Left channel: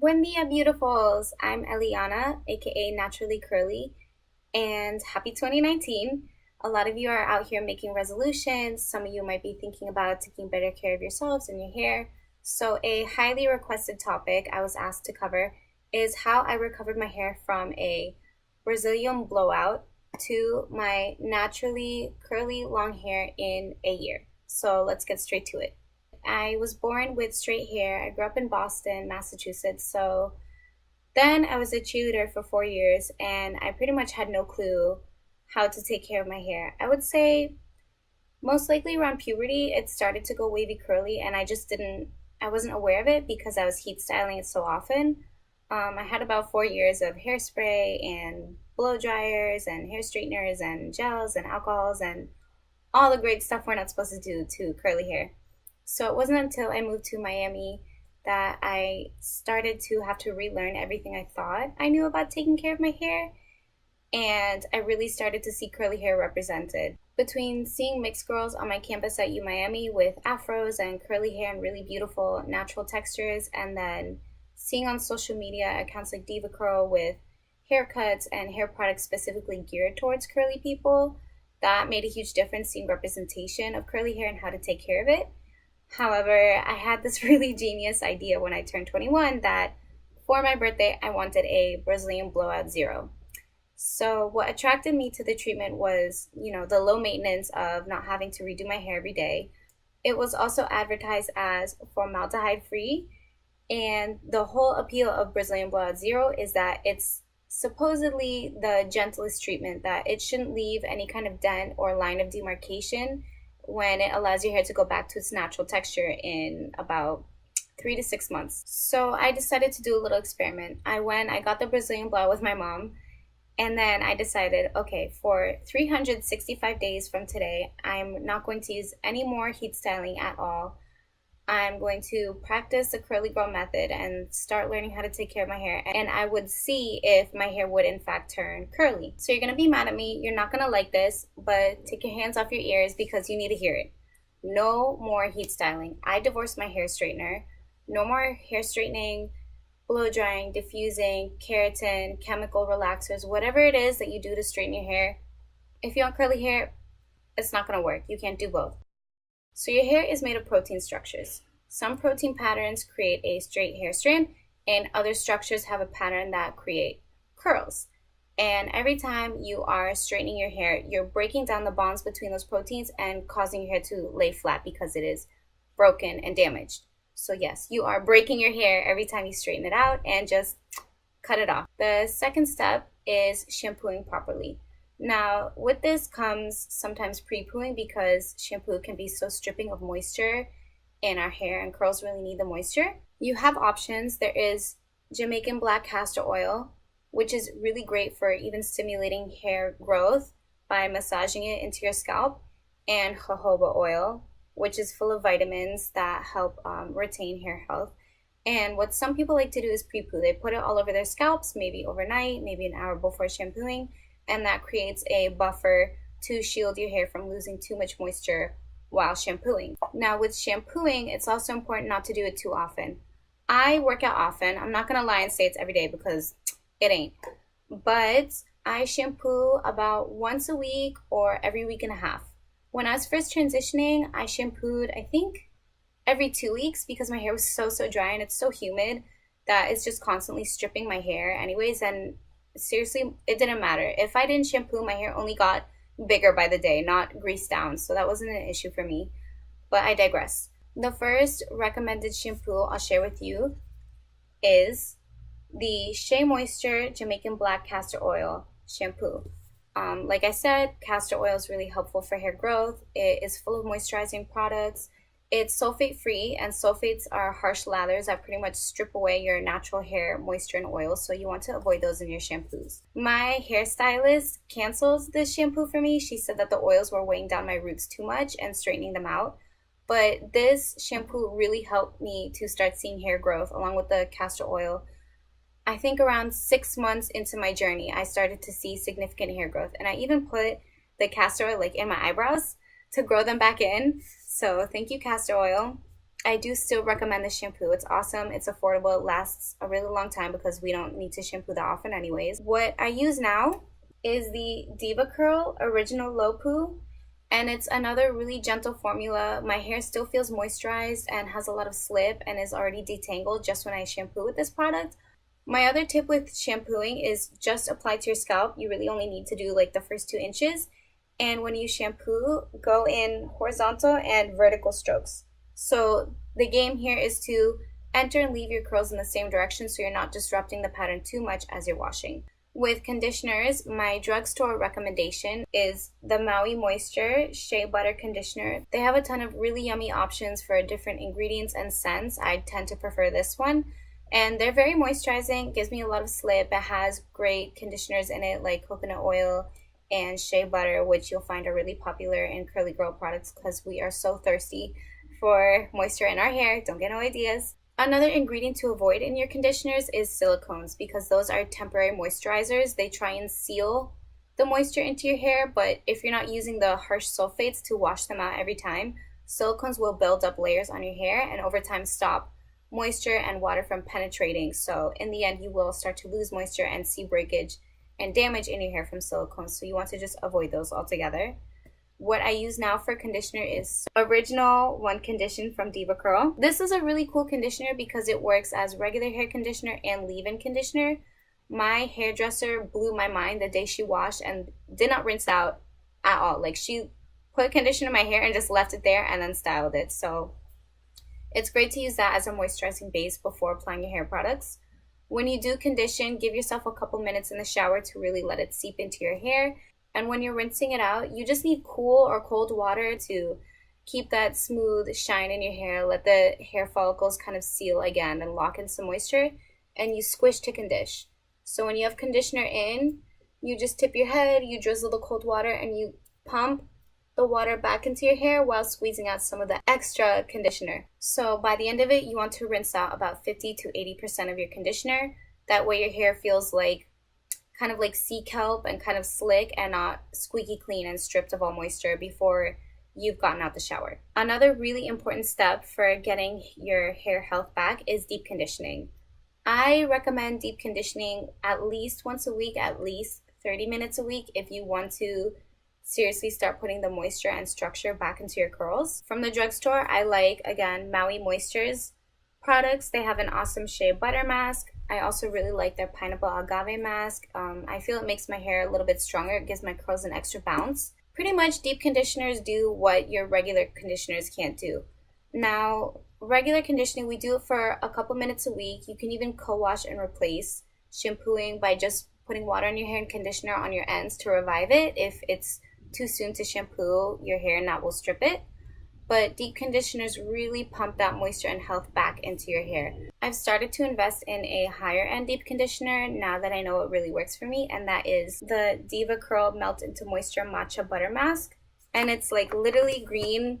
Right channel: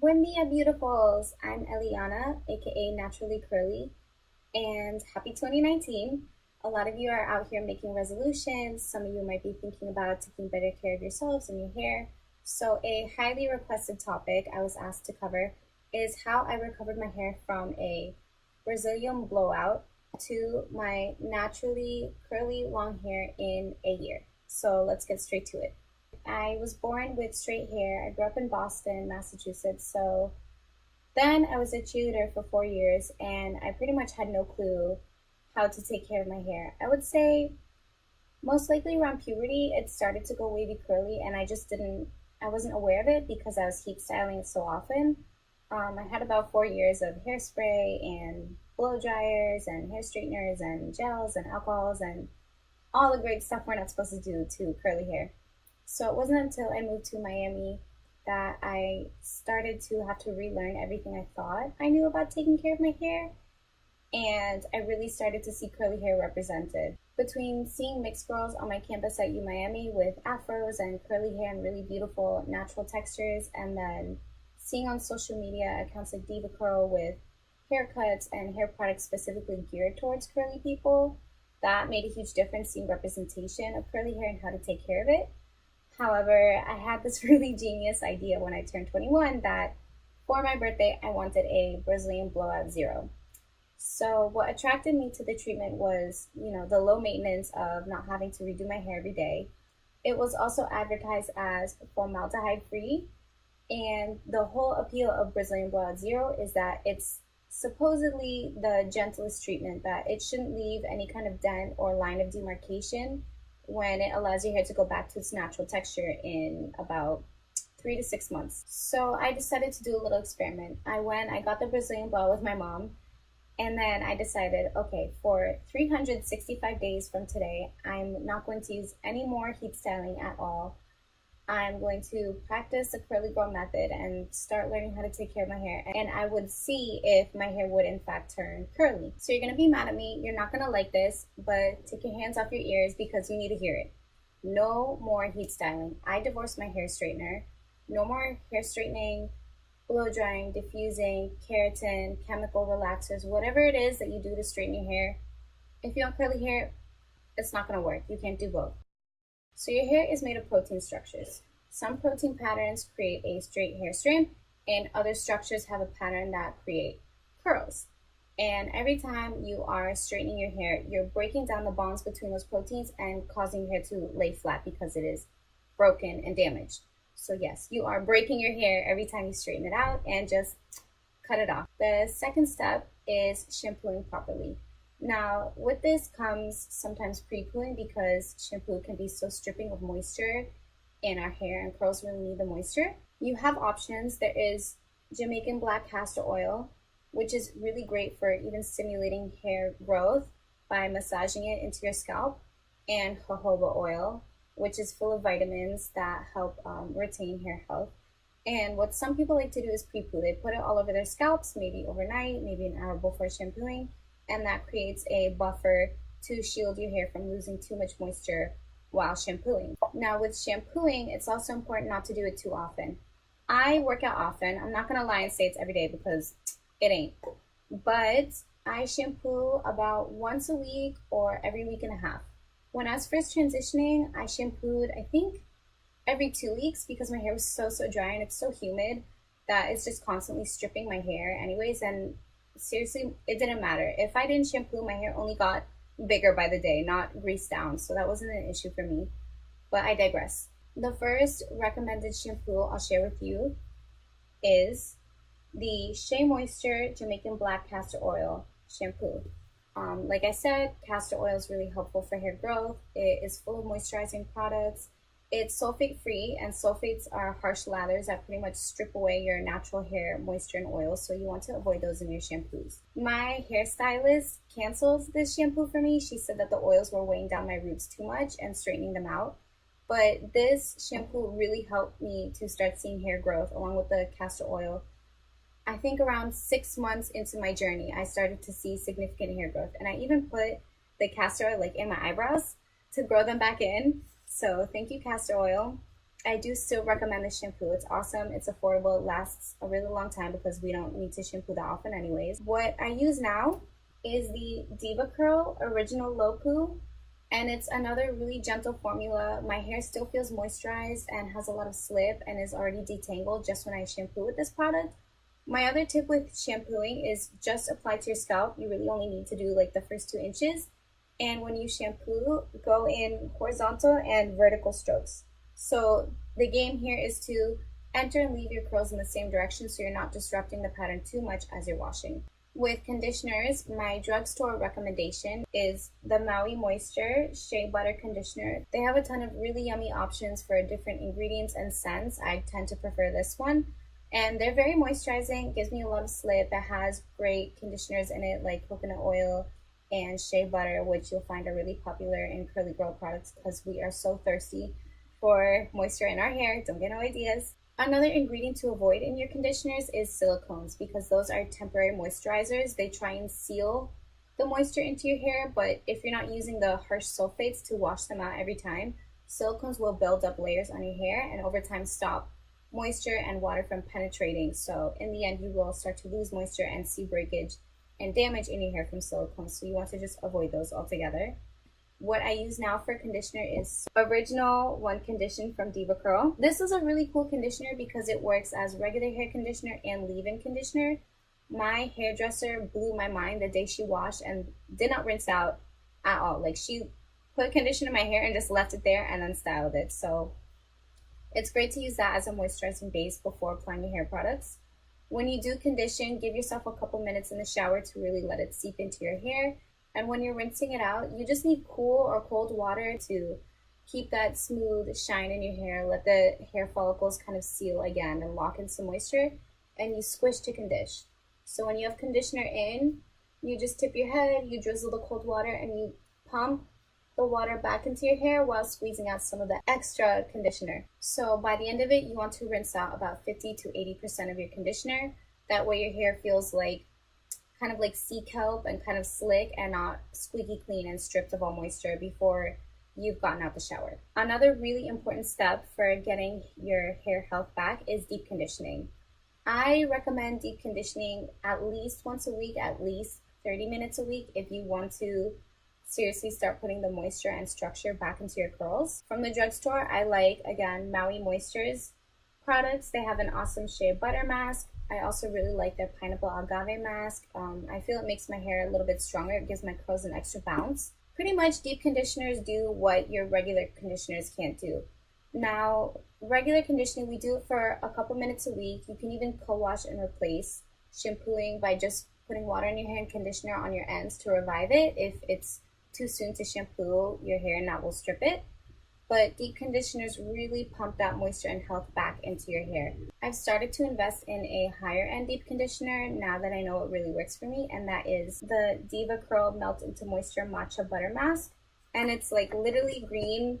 Buen dia, beautifuls. I'm Eliana, aka Naturally Curly, and happy 2019. A lot of you are out here making resolutions. Some of you might be thinking about taking better care of yourselves and your hair. So, a highly requested topic I was asked to cover is how I recovered my hair from a Brazilian blowout to my naturally curly long hair in a year. So, let's get straight to it. I was born with straight hair. I grew up in Boston, Massachusetts. So then I was a cheerleader for 4 years and I pretty much had no clue how to take care of my hair. I would say most likely around puberty, it started to go wavy curly and I wasn't aware of it because I was heat styling it so often. I had about 4 years of hairspray and blow dryers and hair straighteners and gels and alcohols and all the great stuff we're not supposed to do to curly hair. So it wasn't until I moved to Miami that I started to have to relearn everything I thought I knew about taking care of my hair. And I really started to see curly hair represented. Between seeing mixed girls on my campus at U Miami with afros and curly hair and really beautiful natural textures, and then seeing on social media accounts like DevaCurl with haircuts and hair products specifically geared towards curly people, that made a huge difference seeing representation of curly hair and how to take care of it. However, I had this really genius idea when I turned 21 that for my birthday, I wanted a Brazilian Blowout Zero. So, what attracted me to the treatment was, the low maintenance of not having to redo my hair every day. It was also advertised as formaldehyde free, and the whole appeal of Brazilian Blowout Zero is that it's supposedly the gentlest treatment, that it shouldn't leave any kind of dent or line of demarcation when it allows your hair to go back to its natural texture in about 3 to 6 months. So I decided to do a little experiment. I got the Brazilian blowout with my mom, and then I decided, okay, for 365 days from today, I'm not going to use any more heat styling at all. I'm going to practice the curly girl method and start learning how to take care of my hair. And I would see if my hair would in fact turn curly. So you're gonna be mad at me. You're not gonna like this, but take your hands off your ears because you need to hear it. No more heat styling. I divorced my hair straightener. No more hair straightening, blow drying, diffusing, keratin, chemical relaxers, whatever it is that you do to straighten your hair. If you want curly hair, it's not gonna work. You can't do both. So your hair is made of protein structures. Some protein patterns create a straight hair strand, and other structures have a pattern that create curls. And every time you are straightening your hair, you're breaking down the bonds between those proteins and causing your hair to lay flat because it is broken and damaged. So yes, you are breaking your hair every time you straighten it out, and just cut it off. The second step is shampooing properly. Now, with this comes sometimes pre-pooing because shampoo can be so stripping of moisture in our hair, and curls really need the moisture. You have options. There is Jamaican black castor oil, which is really great for even stimulating hair growth by massaging it into your scalp, and jojoba oil, which is full of vitamins that help retain hair health. And what some people like to do is pre-poo. They put it all over their scalps, maybe overnight, maybe an hour before shampooing, and that creates a buffer to shield your hair from losing too much moisture while shampooing. Now, with shampooing, it's also important not to do it too often. I work out often. I'm not gonna lie and say it's every day because it ain't. But I shampoo about once a week or every week and a half. When I was first transitioning, I shampooed, I think, every 2 weeks because my hair was so dry and it's so humid that it's just constantly stripping my hair anyways. And seriously, it didn't matter. If I didn't shampoo, my hair only got bigger by the day, not greased down. So that wasn't an issue for me. But I digress. The first recommended shampoo I'll share with you is the Shea Moisture Jamaican Black Castor Oil Shampoo. Like I said, castor oil is really helpful for hair growth. It is full of moisturizing products. It's sulfate free, and sulfates are harsh lathers that pretty much strip away your natural hair moisture and oil, so you want to avoid those in your shampoos. My hairstylist cancels this shampoo for me. She said that the oils were weighing down my roots too much and straightening them out. But this shampoo really helped me to start seeing hair growth along with the castor oil. I think around 6 months into my journey, I started to see significant hair growth. And I even put the castor oil in my eyebrows to grow them back in. So thank you, castor oil. I do still recommend the shampoo. It's awesome, it's affordable, it lasts a really long time because we don't need to shampoo that often anyways. What I use now is the DevaCurl Original Low-Poo, and it's another really gentle formula. My hair still feels moisturized and has a lot of slip and is already detangled just when I shampoo with this product. My other tip with shampooing is just apply to your scalp. You really only need to do like the first 2 inches. And when you shampoo, go in horizontal and vertical strokes. So the game here is to enter and leave your curls in the same direction so you're not disrupting the pattern too much as you're washing. With conditioners, my drugstore recommendation is the Maui Moisture Shea Butter Conditioner. They have a ton of really yummy options for different ingredients and scents. I tend to prefer this one. And they're very moisturizing, gives me a lot of slip. It has great conditioners in it like coconut oil and shea butter, which you'll find are really popular in curly girl products because we are so thirsty for moisture in our hair. Don't get no ideas. Another ingredient to avoid in your conditioners is silicones because those are temporary moisturizers. They try and seal the moisture into your hair, but if you're not using the harsh sulfates to wash them out every time, silicones will build up layers on your hair and over time stop moisture and water from penetrating. So in the end, you will start to lose moisture and see breakage and damage in your hair from silicones. So you want to just avoid those altogether. What I use now for conditioner is Original One Condition from DevaCurl. This is a really cool conditioner because it works as regular hair conditioner and leave-in conditioner. My hairdresser blew my mind the day she washed and did not rinse out at all. Like, she put conditioner in my hair and just left it there and then styled it. So it's great to use that as a moisturizing base before applying your hair products. When you do condition, give yourself a couple minutes in the shower to really let it seep into your hair. And when you're rinsing it out, you just need cool or cold water to keep that smooth shine in your hair. Let the hair follicles kind of seal again and lock in some moisture. And you squish to condition. So when you have conditioner in, you just tip your head, you drizzle the cold water, and you pump the water back into your hair while squeezing out some of the extra conditioner. So by the end of it, you want to rinse out about 50 to 80% of your conditioner. That way your hair feels like kind of like sea kelp and kind of slick and not squeaky clean and stripped of all moisture before you've gotten out the shower. Another really important step for getting your hair health back is deep conditioning. I recommend deep conditioning at least once a week, at least 30 minutes a week if you want to seriously start putting the moisture and structure back into your curls. From the drugstore, I like, again, Maui Moisture's products. They have an awesome shea butter mask. I also really like their pineapple agave mask. I feel it makes my hair a little bit stronger. It gives my curls an extra bounce. Pretty much deep conditioners do what your regular conditioners can't do. Now, regular conditioning, we do it for a couple minutes a week. You can even co-wash and replace shampooing by just putting water in your hair and conditioner on your ends to revive it if it's too soon to shampoo your hair and that will strip it. But deep conditioners really pump that moisture and health back into your hair. I've started to invest in a higher end deep conditioner now that I know it really works for me, and that is the DevaCurl Melt into Moisture Matcha Butter Mask. And it's like literally green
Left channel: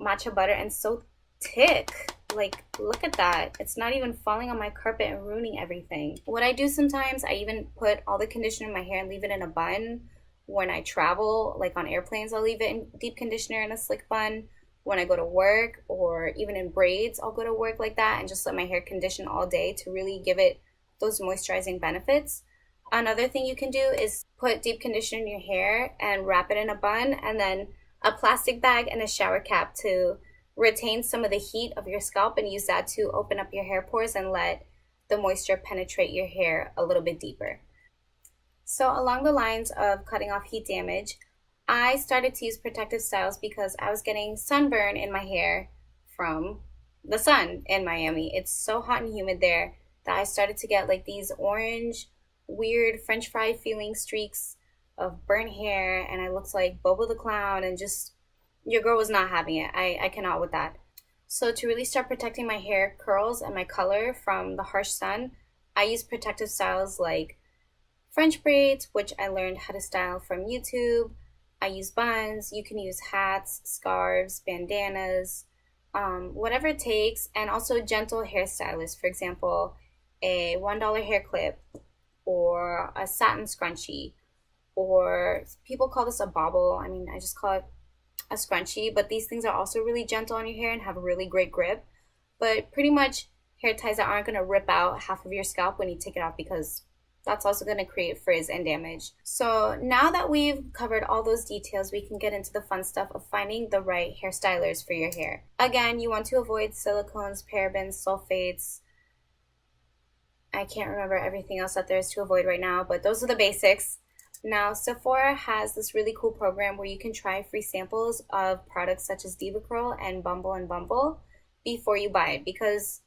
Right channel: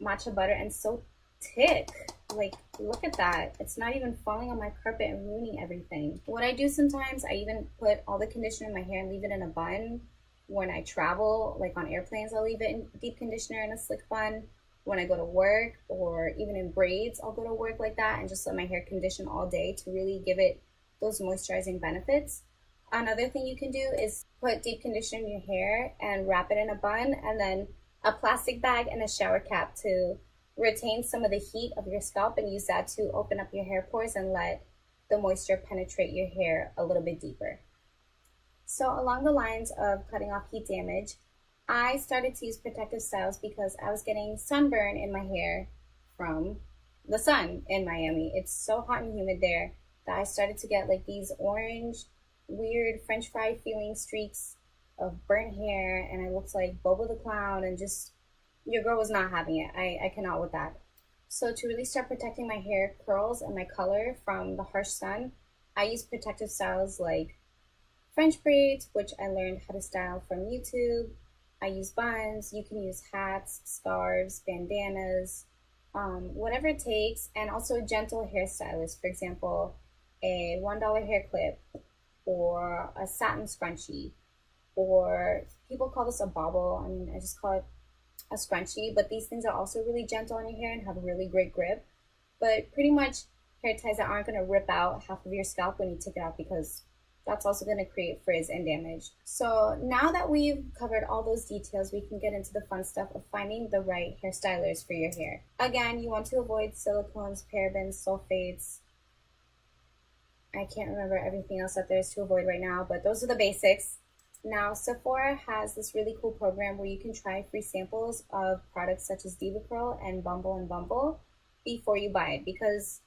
matcha butter and so thick. Like, look at that. It's not even falling on my carpet and ruining everything. What I do sometimes, I even put all the conditioner in my hair and leave it in a bun. When I travel, like on airplanes, I'll leave it in deep conditioner in a slick bun. When I go to work, or even in braids, I'll go to work like that and just let my hair condition all day to really give it those moisturizing benefits. Another thing you can do is put deep conditioner in your hair and wrap it in a bun, and then a plastic bag and a shower cap to retain some of the heat of your scalp and use that to open up your hair pores and let the moisture penetrate your hair a little bit deeper. So along the lines of cutting off heat damage, I started to use protective styles because I was getting sunburn in my hair from the sun in Miami. It's so hot and humid there that I started to get like these orange, weird French fry feeling streaks of burnt hair, and I looked like Bobo the Clown, and just, your girl was not having it. I cannot with that. So to really start protecting my hair curls and my color from the harsh sun, I use protective styles like French braids, which I learned how to style from YouTube. I use buns. You can use hats, scarves, bandanas, whatever it takes, and also gentle hairstylists. For example, a $1 hair clip or a satin scrunchie, or people call this a bobble. I mean, I just call it a scrunchie, but these things are also really gentle on your hair and have a really great grip. But pretty much hair ties that aren't going to rip out half of your scalp when you take it off, because that's also going to create frizz and damage. So now that we've covered all those details, we can get into the fun stuff of finding the right hairstylers for your hair. Again, you want to avoid silicones, parabens, sulfates. I can't remember everything else that there is to avoid right now, but those are the basics. Now, Sephora has this really cool program where you can try free samples of products such as DevaCurl and Bumble before you buy it, because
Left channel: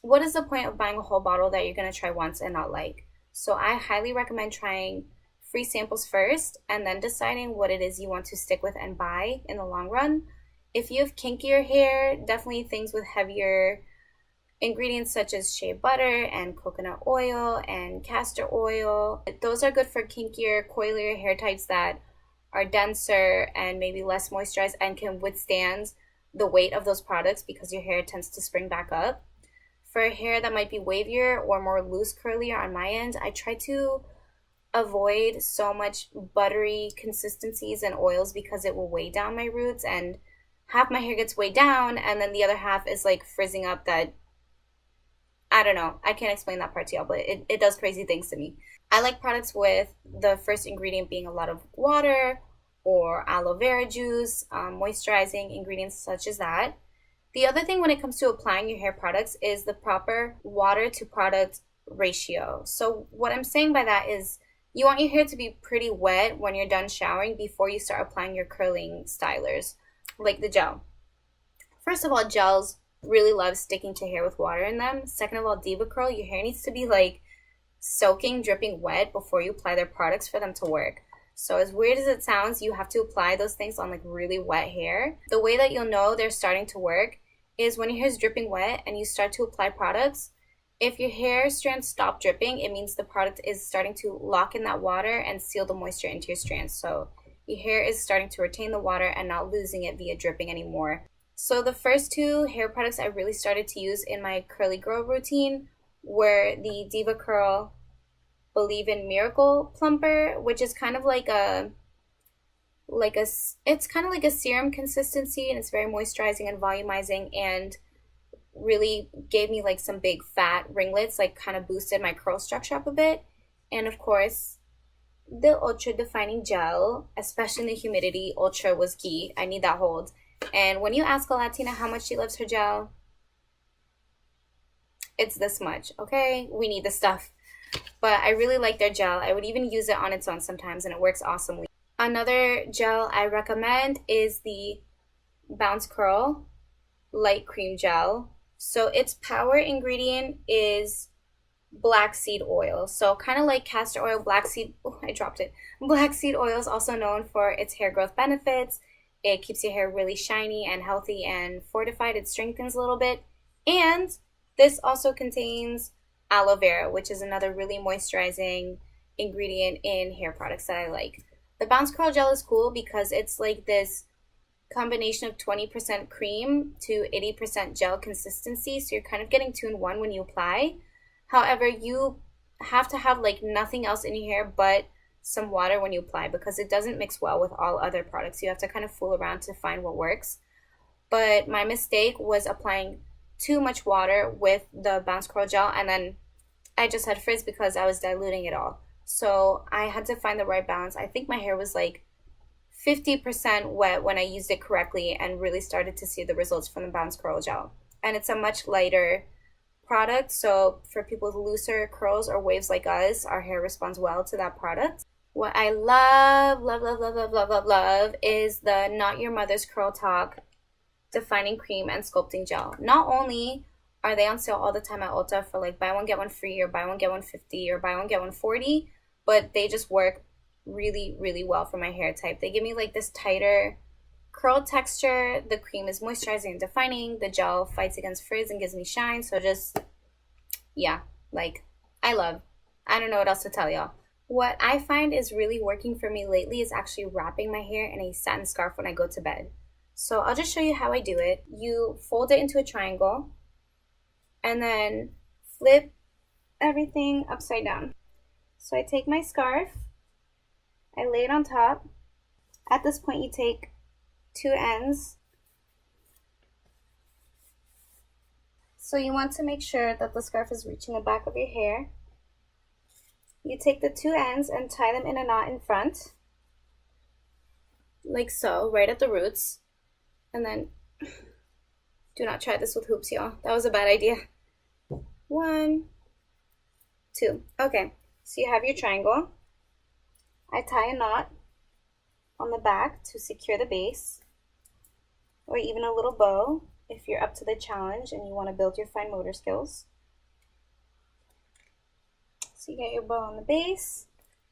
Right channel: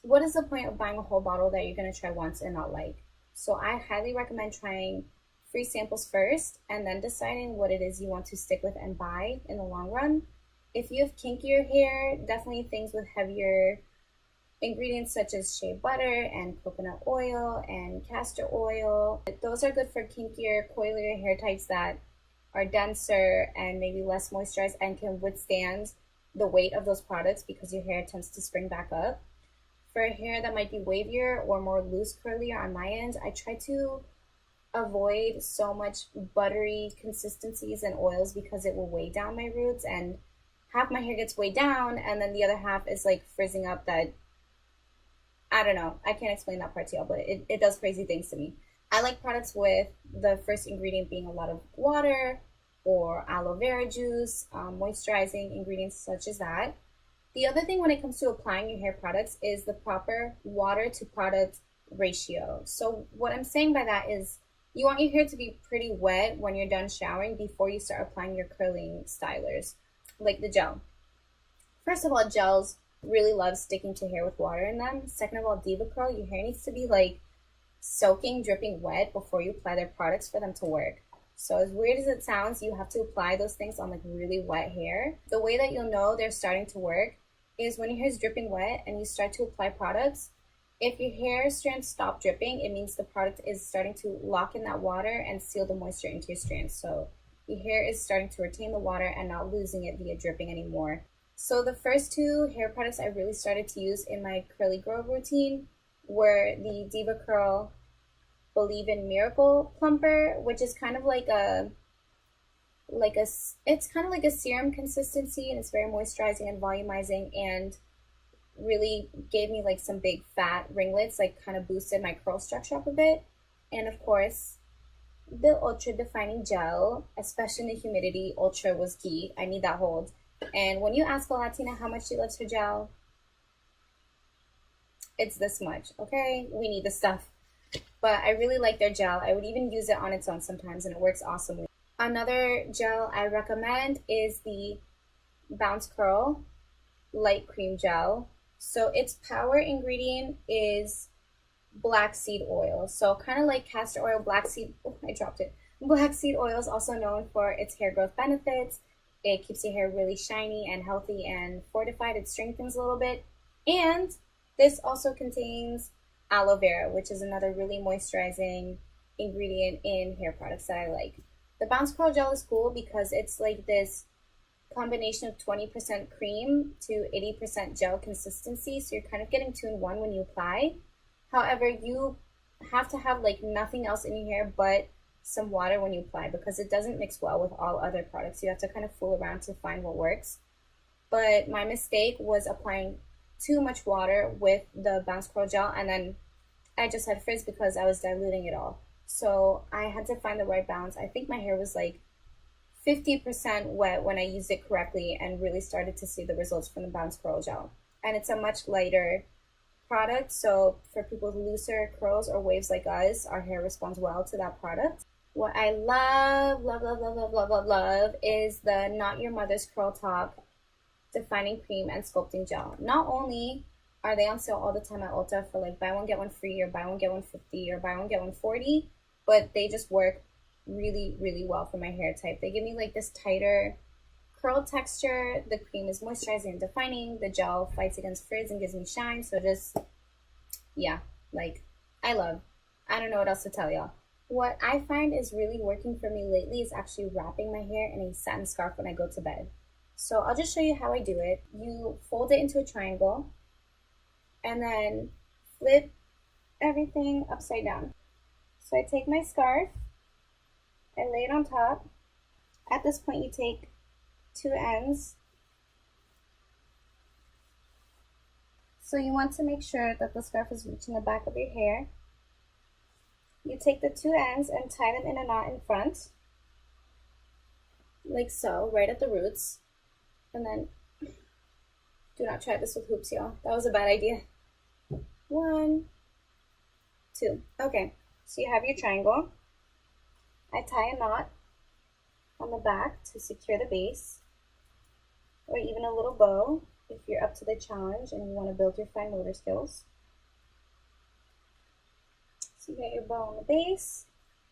what is the point of buying a whole bottle that you're going to try once and not like? So I highly recommend trying free samples first and then deciding what it is you want to stick with and buy in the long run. If you have kinkier hair, definitely things with heavier ingredients such as shea butter and coconut oil and castor oil. Those are good for kinkier, coilier hair types that are denser and maybe less moisturized and can withstand the weight of those products because your hair tends to spring back up. For hair that might be wavier or more loose curlier on my end, I try to avoid so much buttery consistencies and oils because it will weigh down my roots, and half my hair gets weighed down and then the other half is like frizzing up that, I don't know, I can't explain that part to y'all, but it does crazy things to me. I like products with the first ingredient being a lot of water or aloe vera juice, moisturizing ingredients such as that. The other thing when it comes to applying your hair products is the proper water to product ratio. So what I'm saying by that is you want your hair to be pretty wet when you're done showering before you start applying your curling stylers, like the gel. First of all, gels really love sticking to hair with water in them. Second of all, DevaCurl, your hair needs to be like soaking, dripping wet before you apply their products for them to work. So as weird as it sounds, you have to apply those things on like really wet hair. The way that you'll know they're starting to work is when your hair is dripping wet and you start to apply products. If your hair strands stop dripping, it means the product is starting to lock in that water and seal the moisture into your strands. So your hair is starting to retain the water and not losing it via dripping anymore. So the first two hair products I really started to use in my curly girl routine were the DevaCurl Believe in Miracle Plumper, which is kind of like it's kind of like a serum consistency, and it's very moisturizing and volumizing and really gave me like some big fat ringlets, like kind of boosted my curl structure up a bit. And of course, the Ultra Defining Gel, especially in the humidity, Ultra was key. I need that hold. And when you ask a Latina how much she loves her gel, it's this much, okay? We need the stuff. But I really like their gel. I would even use it on its own sometimes, and it works awesomely. Another gel I recommend is the BounceCurl Light Cream Gel. So its power ingredient is black seed oil. So kind of like castor oil, black seed oil is also known for its hair growth benefits. It keeps your hair really shiny and healthy and fortified. It strengthens a little bit. And this also contains aloe vera, which is another really moisturizing ingredient in hair products that I like. The BounceCurl gel is cool because it's like this combination of 20% cream to 80% gel consistency. So you're kind of getting 2 in 1 when you apply. However, you have to have like nothing else in your hair but some water when you apply, because it doesn't mix well with all other products. You have to kind of fool around to find what works. But my mistake was applying too much water with the BounceCurl gel, and then I just had frizz because I was diluting it all. So I had to find the right balance. I think my hair was like 50% wet when I used it correctly and really started to see the results from the BounceCurl gel. And it's a much lighter product, so for people with looser curls or waves like us, our hair responds well to that product. What I love is the Not Your Mother's Curl Talk Defining Cream and Sculpting Gel. Not only are they on sale all the time at Ulta for like buy one get one free or buy one get one 50 or buy one get one 40, but they just work really, really well for my hair type. They give me like this tighter curl texture. The cream is moisturizing and defining. The gel fights against frizz and gives me shine. So just, yeah, like I don't know what else to tell y'all. What I find is really working for me lately is actually wrapping my hair in a satin scarf when I go to bed. So I'll just show you how I do it. You fold it into a triangle and then flip everything upside down. So I take my scarf, I lay it on top. At this point, you take two ends. So you want to make sure that the scarf is reaching the back of your hair. You take the two ends and tie them in a knot in front, like so, right at the roots. And then, do not try this with hoops, y'all. That was a bad idea. 1, 2. Okay, so you have your triangle. I tie a knot on the back to secure the base, or even a little bow if you're up to the challenge and you want to build your fine motor skills. So you get your bow on the base.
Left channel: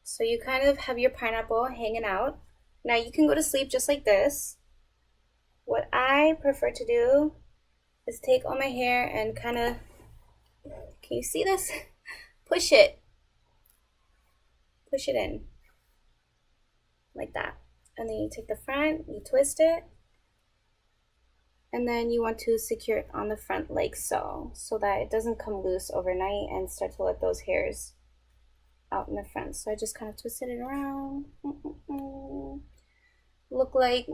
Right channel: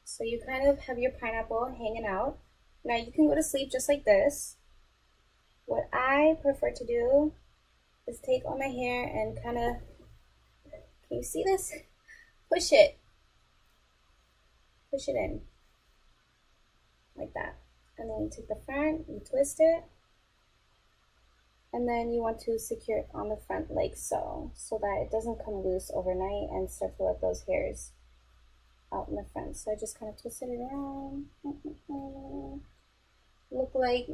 So you kind of have your pineapple hanging out. Now you can go to sleep just like this. What I prefer to do is take all my hair and kind of, can you see this? Push it in like that. And then you take the front, you twist it, and then you want to secure it on the front like so, so that it doesn't come loose overnight and start to let those hairs out in the front. So I just kind of twisted it around. Look like,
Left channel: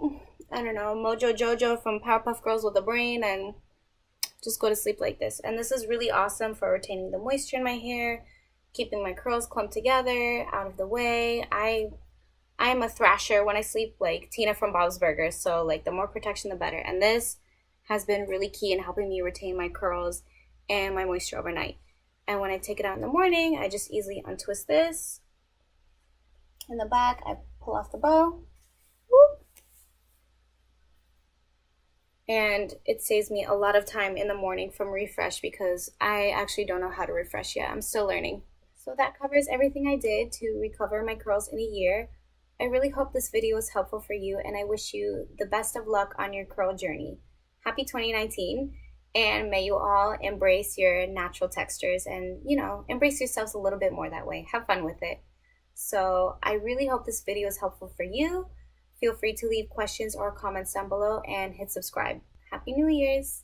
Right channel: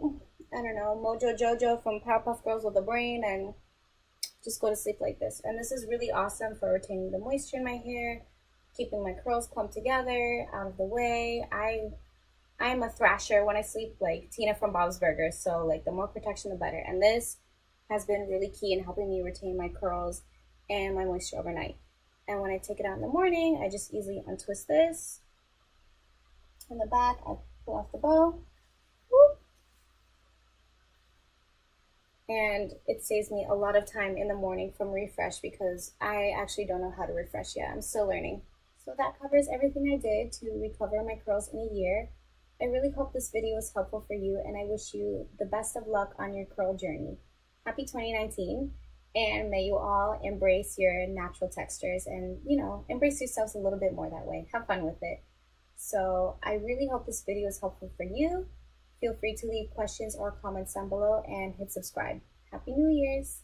I don't know, Mojo Jojo from Powerpuff Girls with a brain, and just go to sleep like this. And this is really awesome for retaining the moisture in my hair, keeping my curls clumped together, out of the way. I am a thrasher when I sleep, like Tina from Bob's Burgers, so like the more protection the better. And this has been really key in helping me retain my curls and my moisture overnight. And when I take it out in the morning, I just easily untwist this. In the back, I pull off the bow. Whoop. And it saves me a lot of time in the morning from refresh, because I actually don't know how to refresh yet. I'm still learning. So that covers everything I did to recover my curls in a year. I really hope this video was helpful for you, and I wish you the best of luck on your curl journey. Happy 2019, and may you all embrace your natural textures and, you know, embrace yourselves a little bit more that way. Have fun with it. So I really hope this video is helpful for you. Feel free to leave questions or comments down below and hit subscribe. Happy New Year's!